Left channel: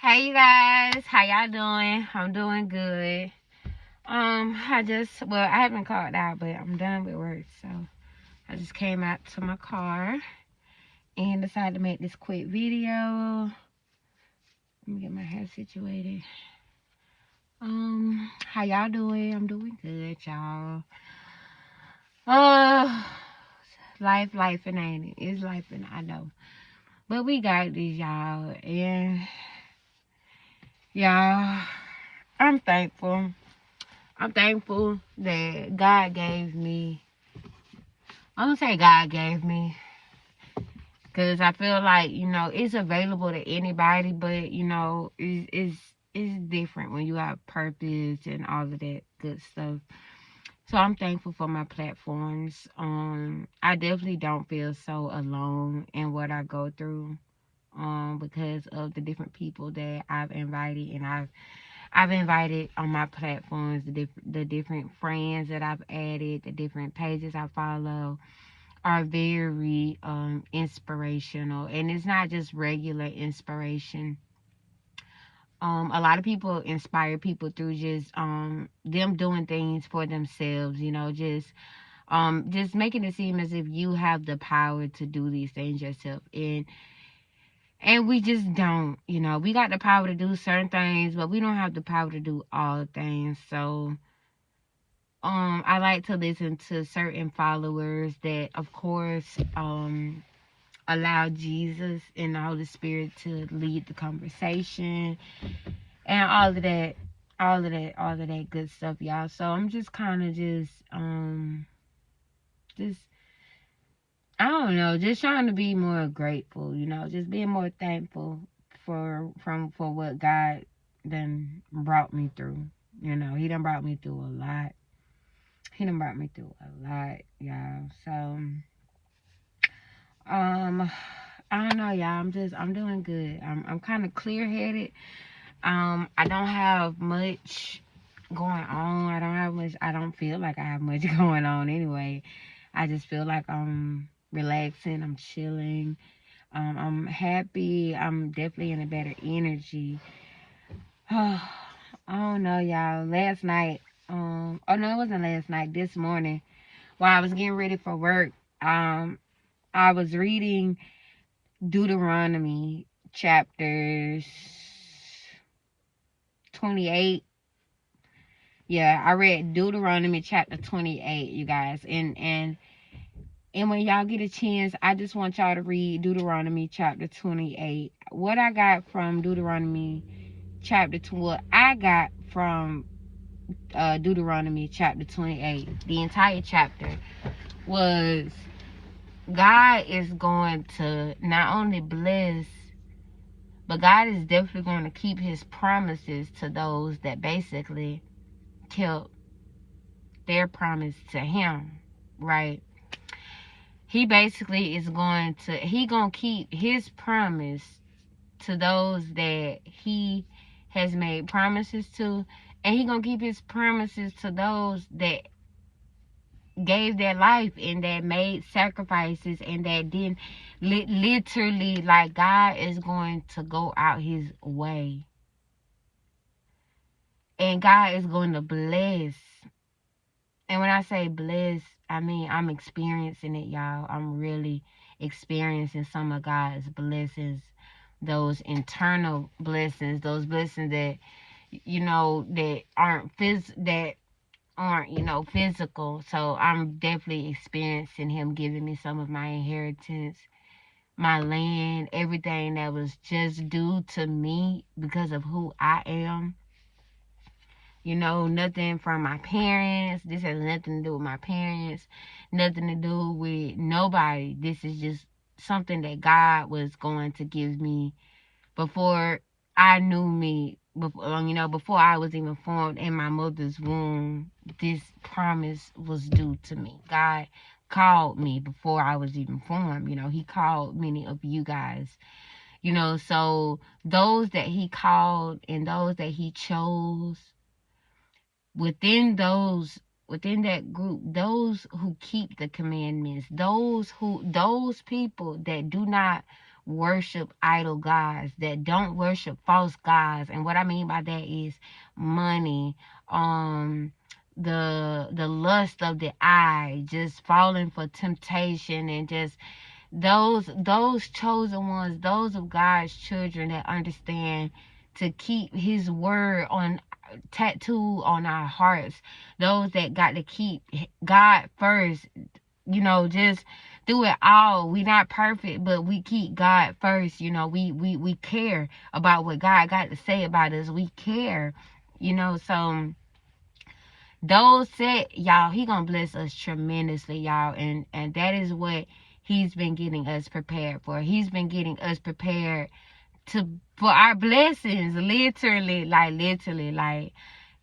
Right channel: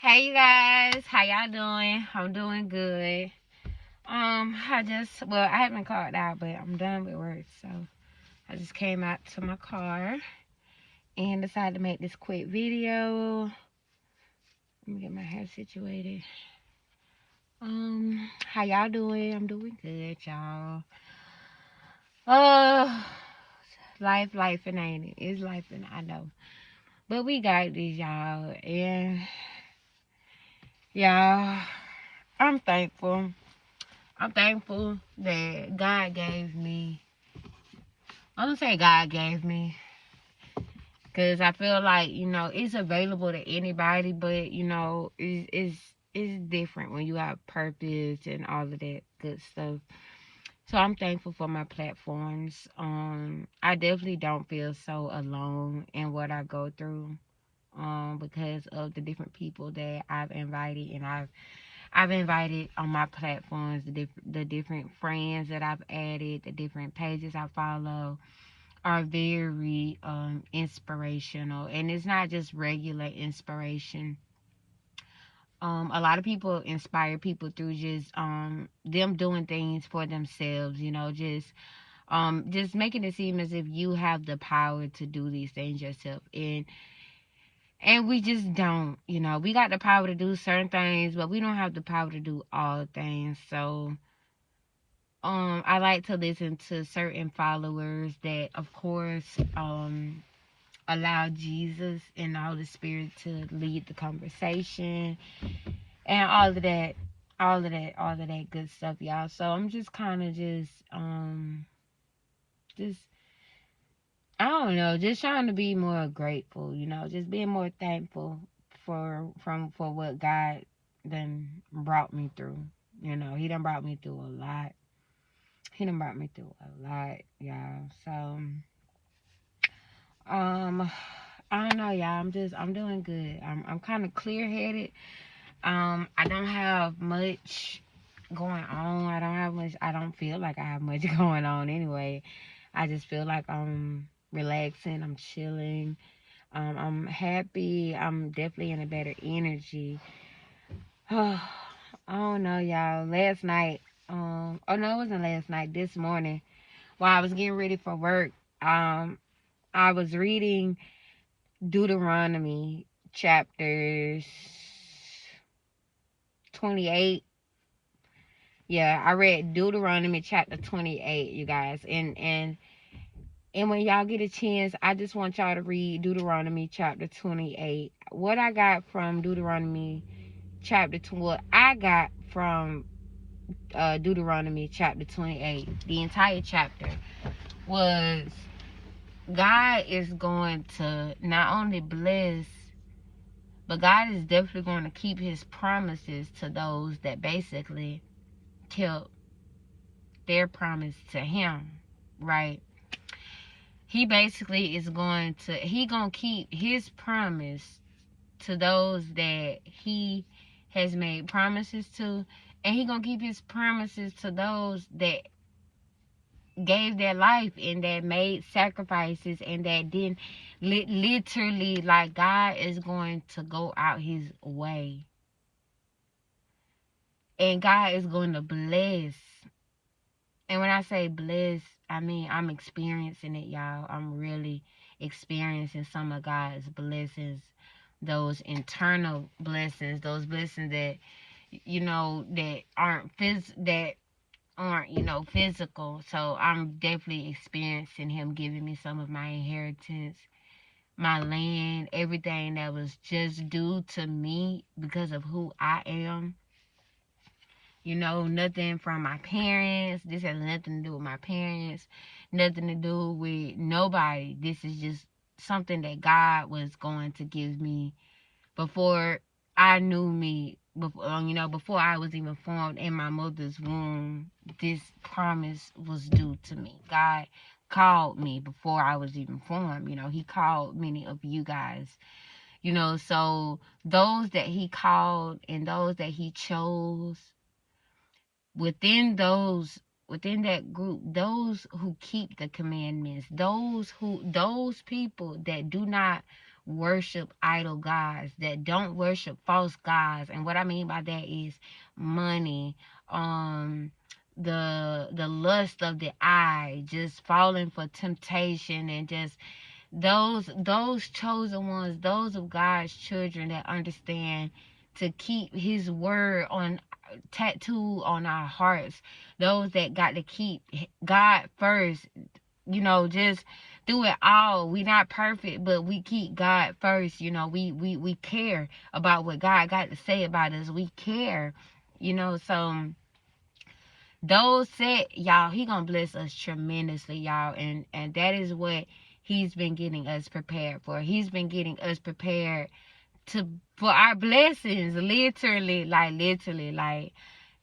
Hey you guys, how y'all doing? I'm doing good. I haven't called out, but I'm done with work, so I just came out to my car and decided to make this quick video. Let me get my hair situated. How y'all doing? I'm doing good, y'all. Uh, life and ain't it? It's life and I know, but we got this, y'all, and y'all, I'm thankful. I'm thankful that God gave me. I'm gonna say God gave me, because I feel like, it's available to anybody, but it's different when you have purpose and all of that good stuff. So I'm thankful for my platforms. I definitely don't feel so alone in what I go through. Because of the different people that I've invited, and I've invited on my platforms, the different friends that I've added, the different pages I follow are very inspirational, and it's not just regular inspiration. A lot of people inspire people through just them doing things for themselves, just making it seem as if you have the power to do these things yourself, and we just don't. We got the power to do certain things, but we don't have the power to do all things. So I like to listen to certain followers that, of course, allow Jesus and the Holy Spirit to lead the conversation and all of that good stuff, y'all. So I'm just kind of just I don't know, just trying to be more grateful, just being more thankful for what God done brought me through. He done brought me through a lot. He done brought me through a lot, y'all. So I don't know, y'all. I'm doing good. I'm kind of clear headed. I don't have much going on. I don't feel like I have much going on anyway. I just feel like I'm relaxing. I'm chilling. I'm happy. I'm definitely in a better energy. Oh, I don't know, y'all. Last night, oh no, it wasn't last night. This morning, while I was getting ready for work, I was reading Deuteronomy chapters 28. Yeah, I read Deuteronomy chapter 28, you guys. And when y'all get a chance, I just want y'all to read Deuteronomy chapter 28. What I got from Deuteronomy chapter 2, what I got from Deuteronomy chapter 28, the entire chapter, was God is going to not only bless, but God is definitely going to keep his promises to those that basically kept their promise to him, right? He basically is going to keep his promise to those that he has made promises to, and he gonna keep his promises to those that gave their life and that made sacrifices and that didn't. Literally, like, God is going to go out his way, and God is going to bless. And when I say bless, I mean I'm experiencing it, y'all. I'm really experiencing some of God's blessings, those internal blessings, those blessings that that aren't physical. So I'm definitely experiencing him giving me some of my inheritance, my land, everything that was just due to me because of who I am. Nothing from my parents. This has nothing to do with my parents, nothing to do with nobody. This is just something that God was going to give me before I knew me, before I was even formed in my mother's womb. This promise was due to me. God called me before I was even formed. He called many of you guys. So those that he called and those that he chose, within that group, those who keep the commandments, those people that do not worship idol gods, that don't worship false gods. And what I mean by that is money, the lust of the eye, just falling for temptation, and just those chosen ones, those of God's children that understand to keep his word on tattooed on our hearts, those that got to keep God first, just through it all. We not perfect, but we keep God first. We care about what God got to say about us. We care, so those set, y'all, he gonna bless us tremendously, y'all, and that is what he's been getting us prepared for. He's been getting us prepared for our blessings, literally, like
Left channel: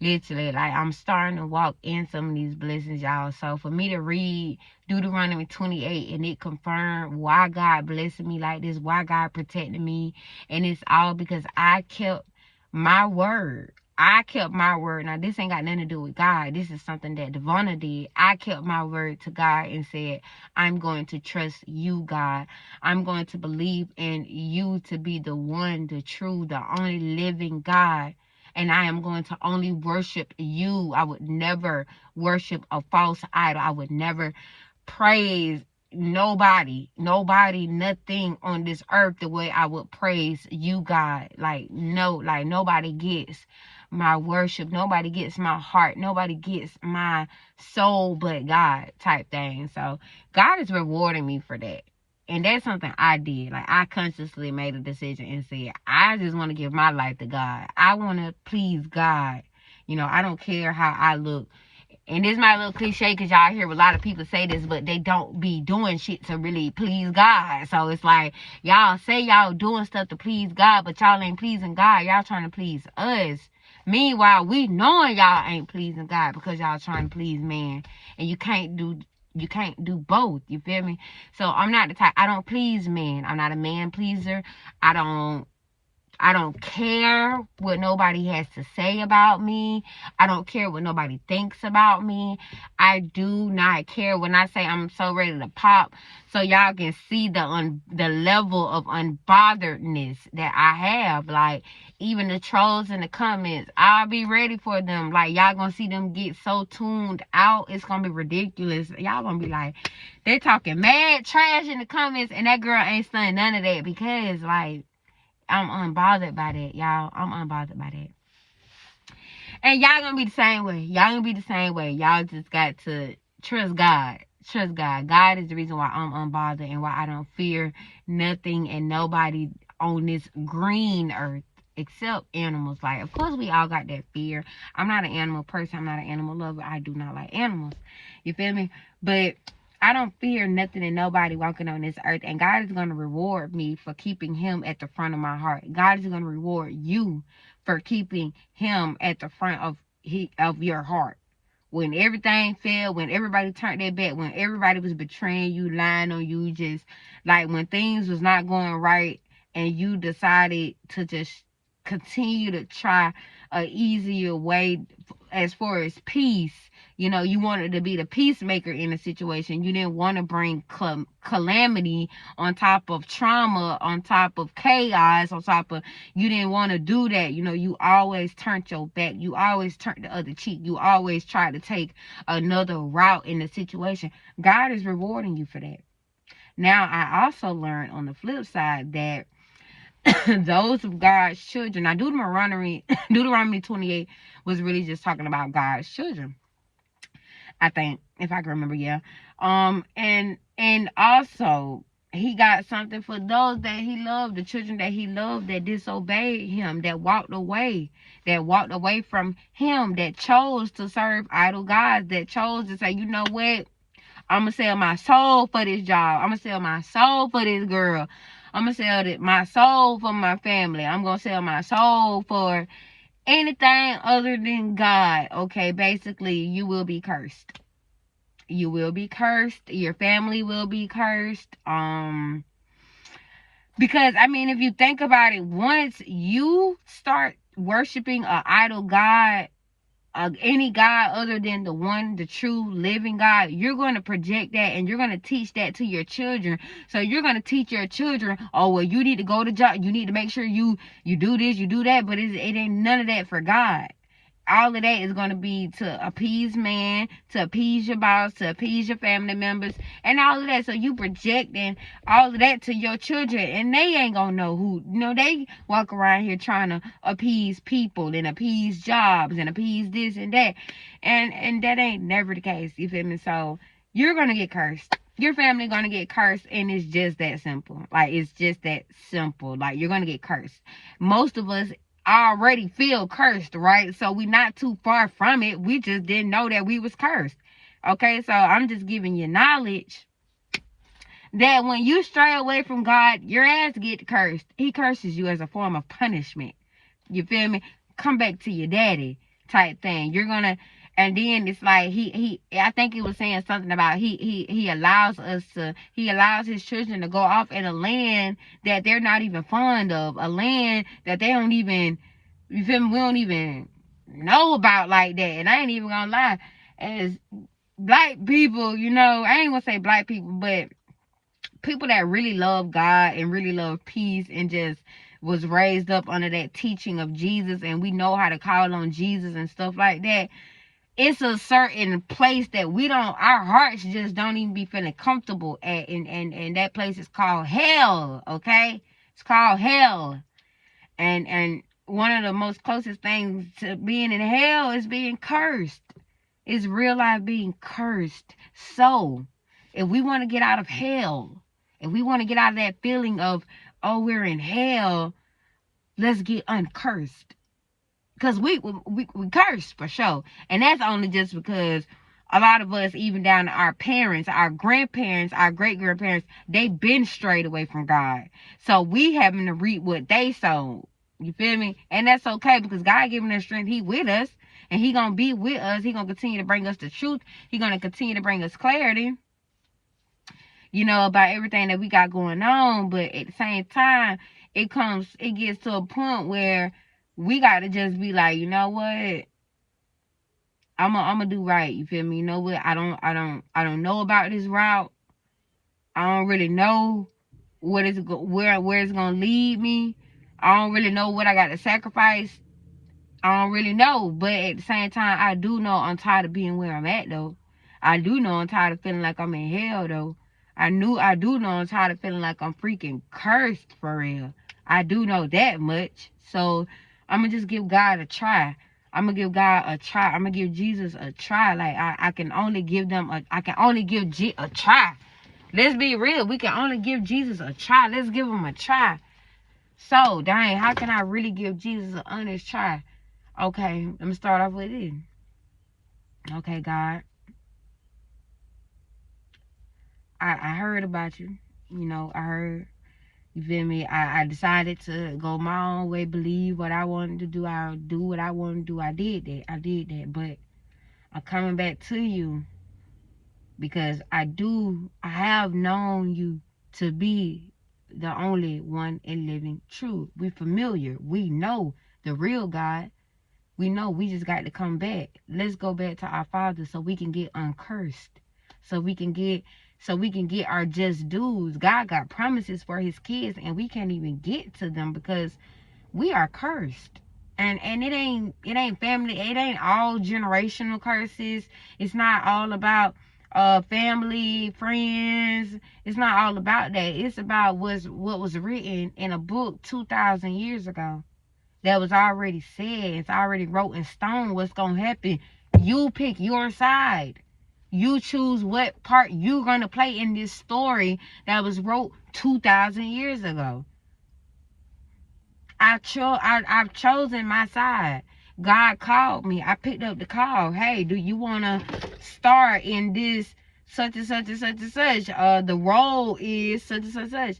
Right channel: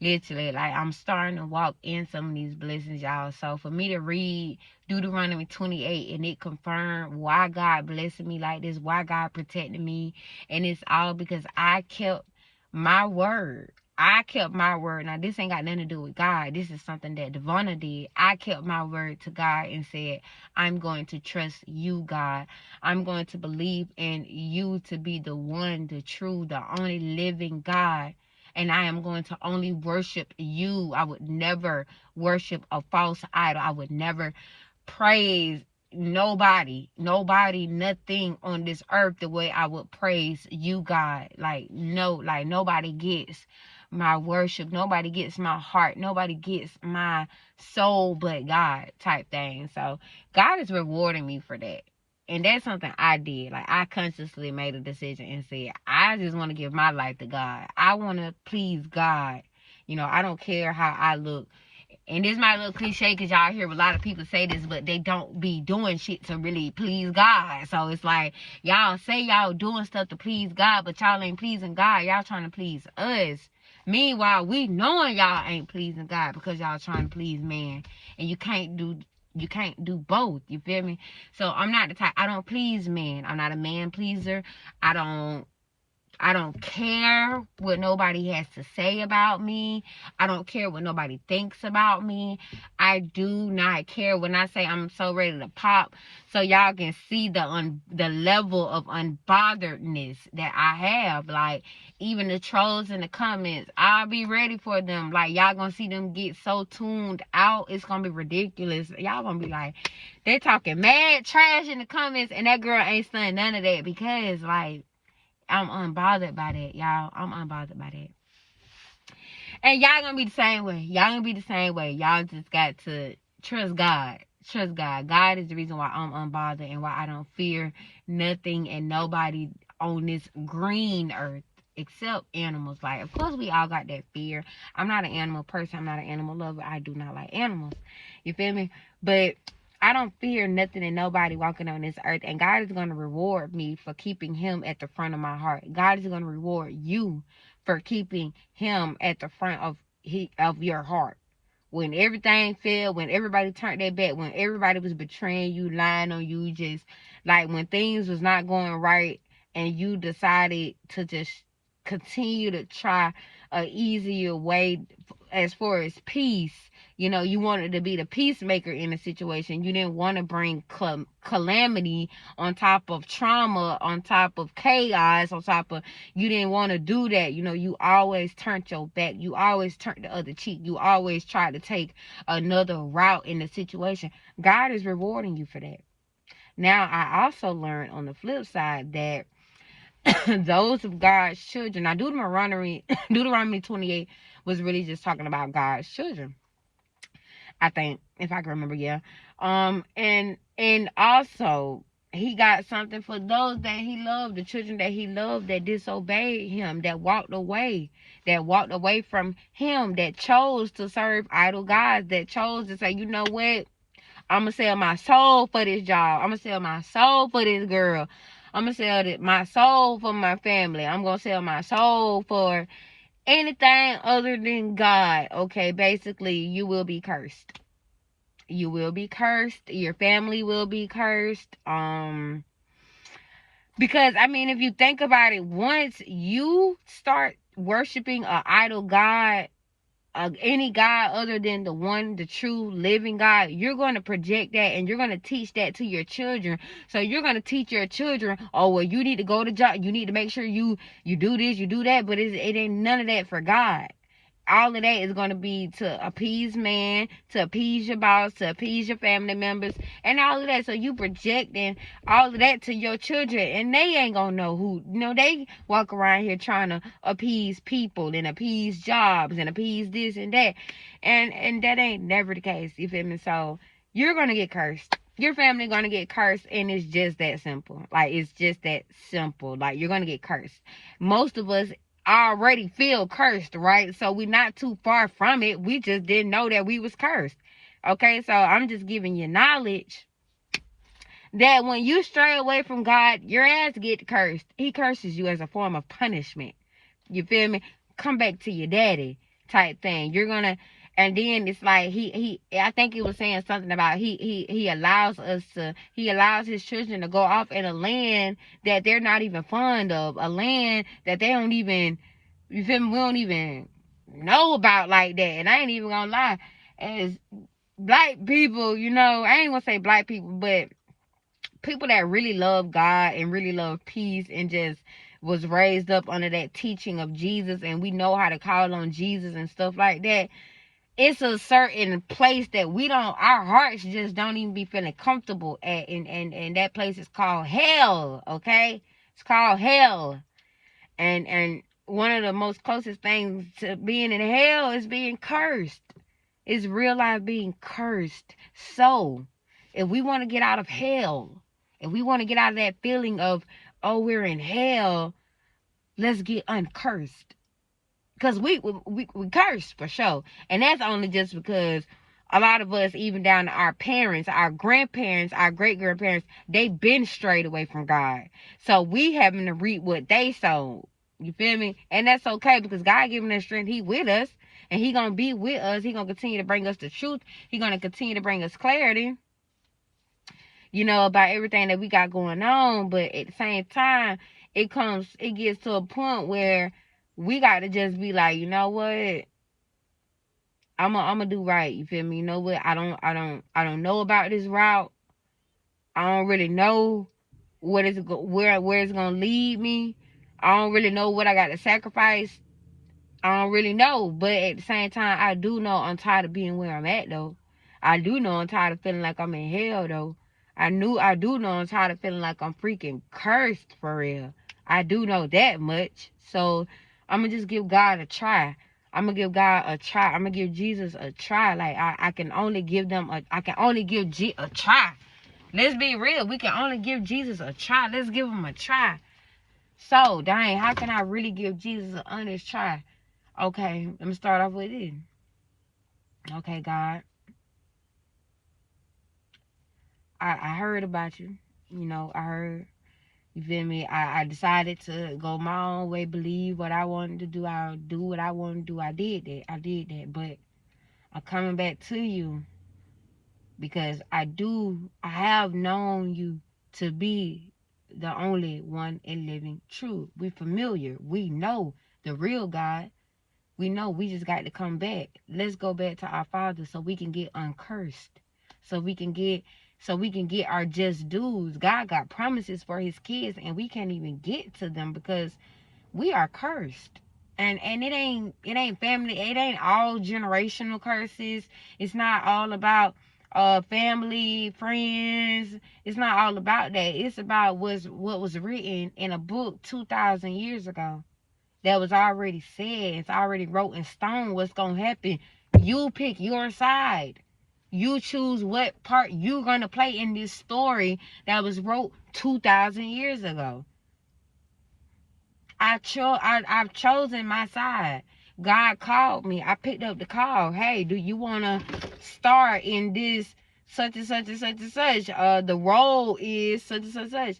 I'm starting to walk in some of these blessings, y'all. So for me to read Deuteronomy 28 and it confirmed why God blessed me like this, why God protected me, and it's all because I kept my word. I kept my word. Now, this ain't got nothing to do with God. This is something that Devonna did. I kept my word to God and said, I'm going to trust you, God. I'm going to believe in you to be the one, the true, the only living God. And I am going to only worship you. I would never worship a false idol. I would never praise nobody, nothing on this earth the way I would praise you, God. Nobody gets my worship. Nobody gets my heart. Nobody gets my soul but God, type thing. So God is rewarding me for that. And that's something I did. Like, I consciously made a decision and said, I just want to give my life to God. I want to please God. I don't care how I look. And this might look cliche because y'all hear a lot of people say this, but they don't be doing shit to really please God. So it's like, y'all say y'all doing stuff to please God, but y'all ain't pleasing God. Y'all trying to please us. Meanwhile, we knowing y'all ain't pleasing God because y'all trying to please man. And you can't do both. You feel me? So I'm not the type, I don't please men. I'm not a man pleaser. I don't care what nobody has to say about me. I don't care what nobody thinks about me. I do not care. When I say I'm so ready to pop, so y'all can see the level of unbotheredness that I have. Like, even the trolls in the comments, I'll be ready for them. Like, y'all gonna see them get so tuned out. It's gonna be ridiculous. Y'all gonna be like, they talking mad trash in the comments, and that girl ain't saying none of that because, like, I'm unbothered by that, y'all. I'm unbothered by that. And y'all gonna be the same way. Y'all just got to trust God. Trust God. God is the reason why I'm unbothered and why I don't fear nothing and nobody on this green earth except animals. Like, of course, we all got that fear. I'm not an animal person. I'm not an animal lover. I do not like animals. You feel me? But I don't fear nothing and nobody walking on this earth. And God is going to reward me for keeping him at the front of my heart. God is going to reward you for keeping him at the front of your heart. When everything failed, when everybody turned their back, when everybody was betraying you, lying on you, just like when things was not going right and you decided to just continue to try a easier way as far as peace. You wanted to be the peacemaker in a situation. You didn't want to bring calamity on top of trauma, on top of chaos, on top of, you didn't want to do that. You always turned your back. You always turned the other cheek. You always tried to take another route in the situation. God is rewarding you for that. Now, I also learned on the flip side that those of God's children, now Deuteronomy 28 was really just talking about God's children, I think, if I can remember, yeah. And also he got something for those that he loved, the children that he loved, that disobeyed him, that walked away from him, that chose to serve idol gods, that chose to say, you know what, I'm gonna sell my soul for this job, I'm gonna sell my soul for this girl, I'm gonna sell my soul for my family, I'm gonna sell my soul for anything other than God. Okay, basically, you will be cursed. You will be cursed. Your family will be cursed. Because, I mean, if you think about it, once you start worshiping an idol god, any God other than the one, the true living God, you're going to project that and you're going to teach that to your children. So you're going to teach your children, oh, well, you need to go to job. You need to make sure you do this, you do that. But it ain't none of that for God. All of that is going to be to appease man, to appease your boss, to appease your family members, and all of that. So you projecting all of that to your children, and they ain't going to know who. They walk around here trying to appease people and appease jobs and appease this and that. And that ain't never the case, you feel me? So you're going to get cursed. Your family going to get cursed, and it's just that simple. Like, it's just that simple. Like, you're going to get cursed. Most of us already feel cursed, right? So we're not too far from it. We just didn't know that we was cursed. Okay, so I'm just giving you knowledge that when you stray away from God, your ass get cursed. He curses you as a form of punishment. You feel me? Come back to your daddy type thing. You're gonna, and then it's like I think he was saying something about he allows his children to go off in a land that they're not even fond of, a land that they don't even, you feel me, we don't even know about like that. And I ain't even gonna lie, as black people, I ain't gonna say black people, but people that really love God and really love peace and just was raised up under that teaching of Jesus, and we know how to call on Jesus and stuff like that. It's a certain place that our hearts just don't even be feeling comfortable at, and that place is called hell. Okay, it's called hell, and one of the most closest things to being in hell is being cursed. It's real life being cursed. So if we want to get out of hell, if we want to get out of that feeling of, oh, we're in hell, let's get uncursed. Because we curse for sure. And that's only just because a lot of us, even down to our parents, our grandparents, our great-grandparents, they've been strayed away from God. So we having to reap what they sowed. You feel me? And that's okay, because God giving us strength. He with us. And he going to be with us. He going to continue to bring us the truth. He going to continue to bring us clarity, about everything that we got going on. But at the same time, it gets to a point where we got to just be like, you know what? I'm gonna do right. You feel me? You know what? I don't know about this route. I don't really know where it's gonna lead me. I don't really know what I got to sacrifice. I don't really know. But at the same time, I do know I'm tired of being where I'm at, though. I do know I'm tired of feeling like I'm in hell, though. I do know I'm tired of feeling like I'm freaking cursed for real. I do know that much. So I'm going to just give God a try. I'm going to give God a try. I'm going to give Jesus a try. Like, I can only give a try. Let's be real. We can only give Jesus a try. Let's give him a try. So, dang, how can I really give Jesus an honest try? Okay, let me start off with this. Okay, God. I heard about you. I heard. You feel me? I decided to go my own way, believe what I wanted to do. I'll do what I want to do. I did that. But I'm coming back to you because I have known you to be the only one and living true. We're familiar. We know the real God. We know we just got to come back. Let's go back to our Father so we can get uncursed. So we can get our just dues. God got promises for his kids, and we can't even get to them because we are cursed. And it ain't family. It ain't all generational curses. It's not all about family, friends. It's not all about that. It's about what was written in a book 2,000 years ago. That was already said. It's already wrote in stone what's going to happen. You pick your side. You choose what part you're going to play in this story that was wrote 2,000 years ago. I've chosen my side. God called me. I picked up the call. Hey, do you want to start in this such and such and such and such? The role is such and such and such.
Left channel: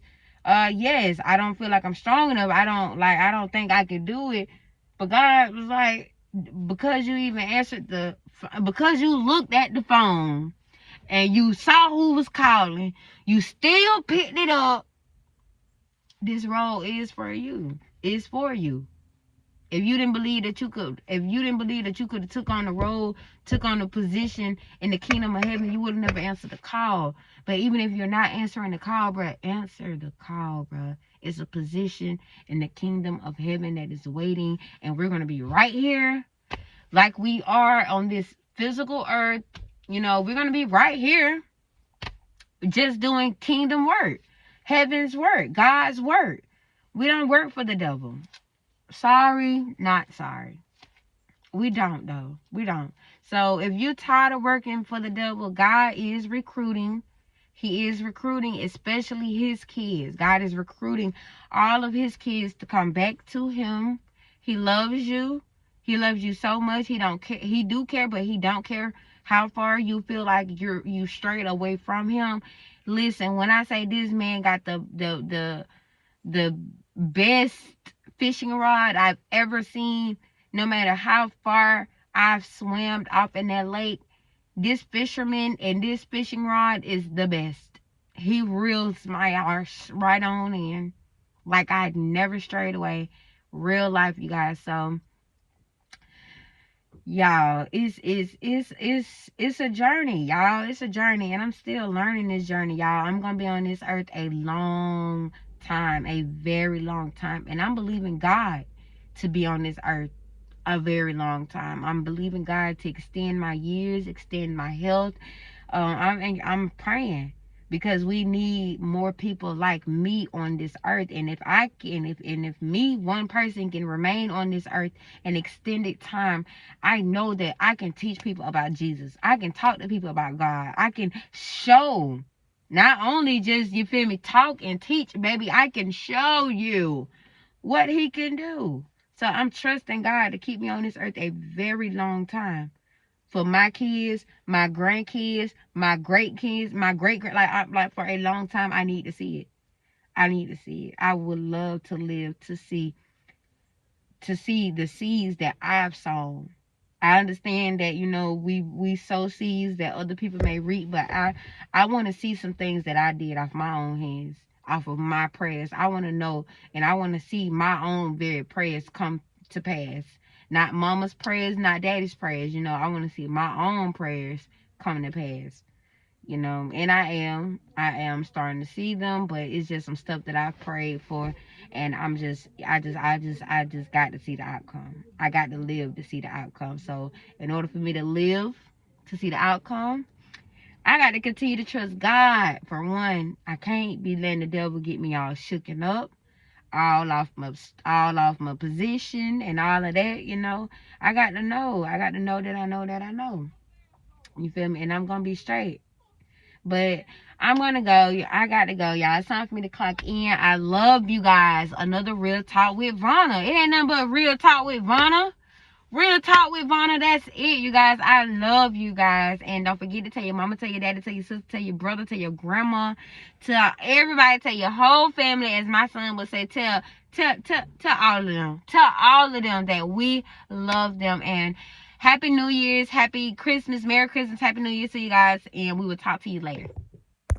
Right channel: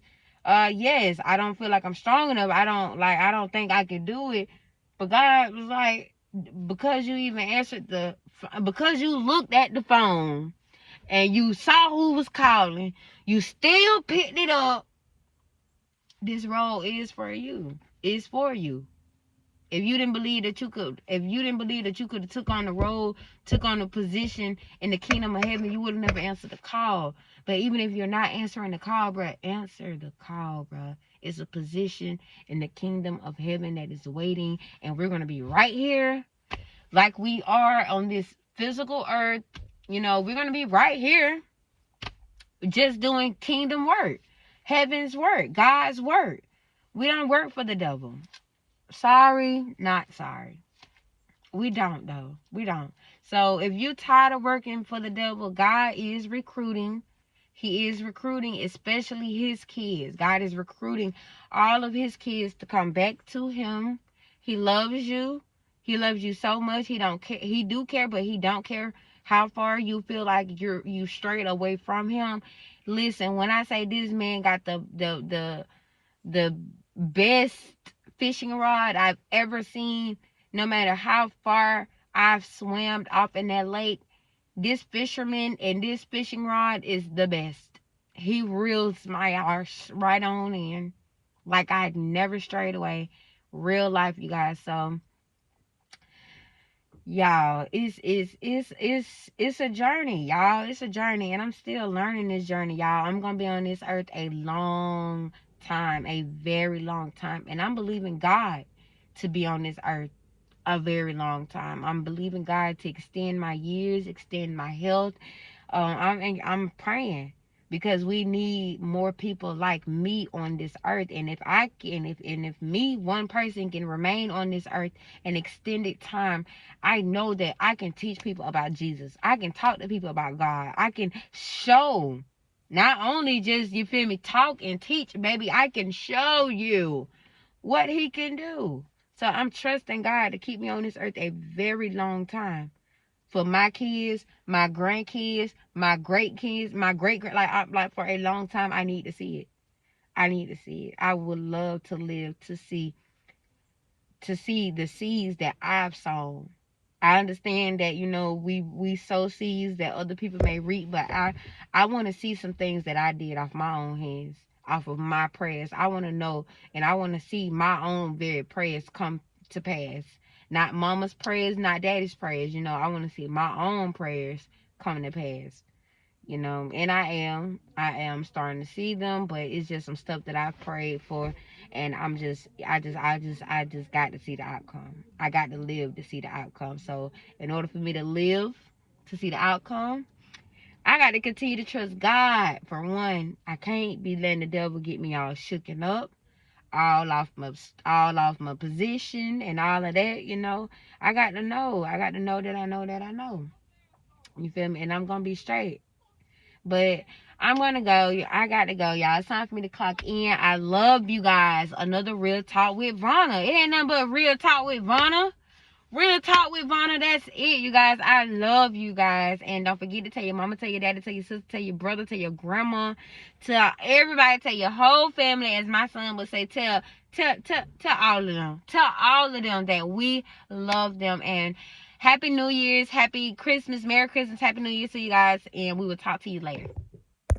Yes, I don't feel like I'm strong enough. I don't think I can do it. But God was like, because you looked at the phone and you saw who was calling, you still picked it up. This role is for you. It's for you. If you didn't believe that you could, have took on the role, took on the position in the kingdom of heaven, you would have never answered the call. But even if you're not answering the call, bruh, answer the call, bruh. It's a position in the kingdom of heaven that is waiting, and we're gonna be right here, like we are on this physical earth. You know, we're gonna be right here, just doing kingdom work, heaven's work, God's work. We don't work for the devil. Sorry, not sorry. We don't, though. We don't. So if you're tired of working for the devil, God is recruiting. He is recruiting, especially his kids. God is recruiting all of his kids to come back to him. He loves you. He loves you so much. He don't care. He do care, but he don't care how far you feel like you strayed away from him. Listen, when I say this man got the best fishing rod I've ever seen, no matter how far I've swam off in that lake, this fisherman and this fishing rod is the best. He reels my arse right on in, like I had never strayed away. Real life, you guys. So y'all, it's a journey, y'all. It's a journey, and I'm still learning this journey, y'all. I'm gonna be on this earth a long time, a very long time, and I'm believing God to be on this earth a very long time. I'm believing God to extend my years, extend my health. I'm praying, because we need more people like me on this earth. And if I can, if me, one person, can remain on this earth an extended time, I know that I can teach people about Jesus. I can talk to people about God. I can show, not only just, you feel me, talk and teach, baby, I can show you what he can do. So I'm trusting God to keep me on this earth a very long time. For my kids, my grandkids, my great kids, my great like for a long time. I need to see it. I need to see it. I would love to live to see the seeds that I've sown. I understand that, you know, we sow seeds that other people may reap, but I want to see some things that I did off my own hands, off of my prayers. I want to know, and I want to see my own very prayers come to pass. Not mama's prayers, not daddy's prayers. You know, I want to see my own prayers coming to pass. You know, and I am starting to see them, but it's just some stuff that I've prayed for, and I just got to see the outcome. I got to live to see the outcome. So in order for me to live to see the outcome, I got to continue to trust God. For one, I can't be letting the devil get me all shooken up, all off my position and all of that. You know, I got to know that I know. You feel me? And I'm gonna be straight. But I'm gonna go. I got to go, y'all. It's time for me to clock in. I love you guys. Another Real Talk with Vonna. It ain't nothing but Real Talk with Vonna. Real Talk with Vonna. That's it, you guys. I love you guys. And don't forget to tell your mama, tell your daddy, tell your sister, tell your brother, tell your grandma, tell everybody, tell your whole family, as my son would say, tell all of them. Tell all of them that we love them. And Happy New Year's, Happy Christmas, Merry Christmas, Happy New Year to you guys. And we will talk to you later.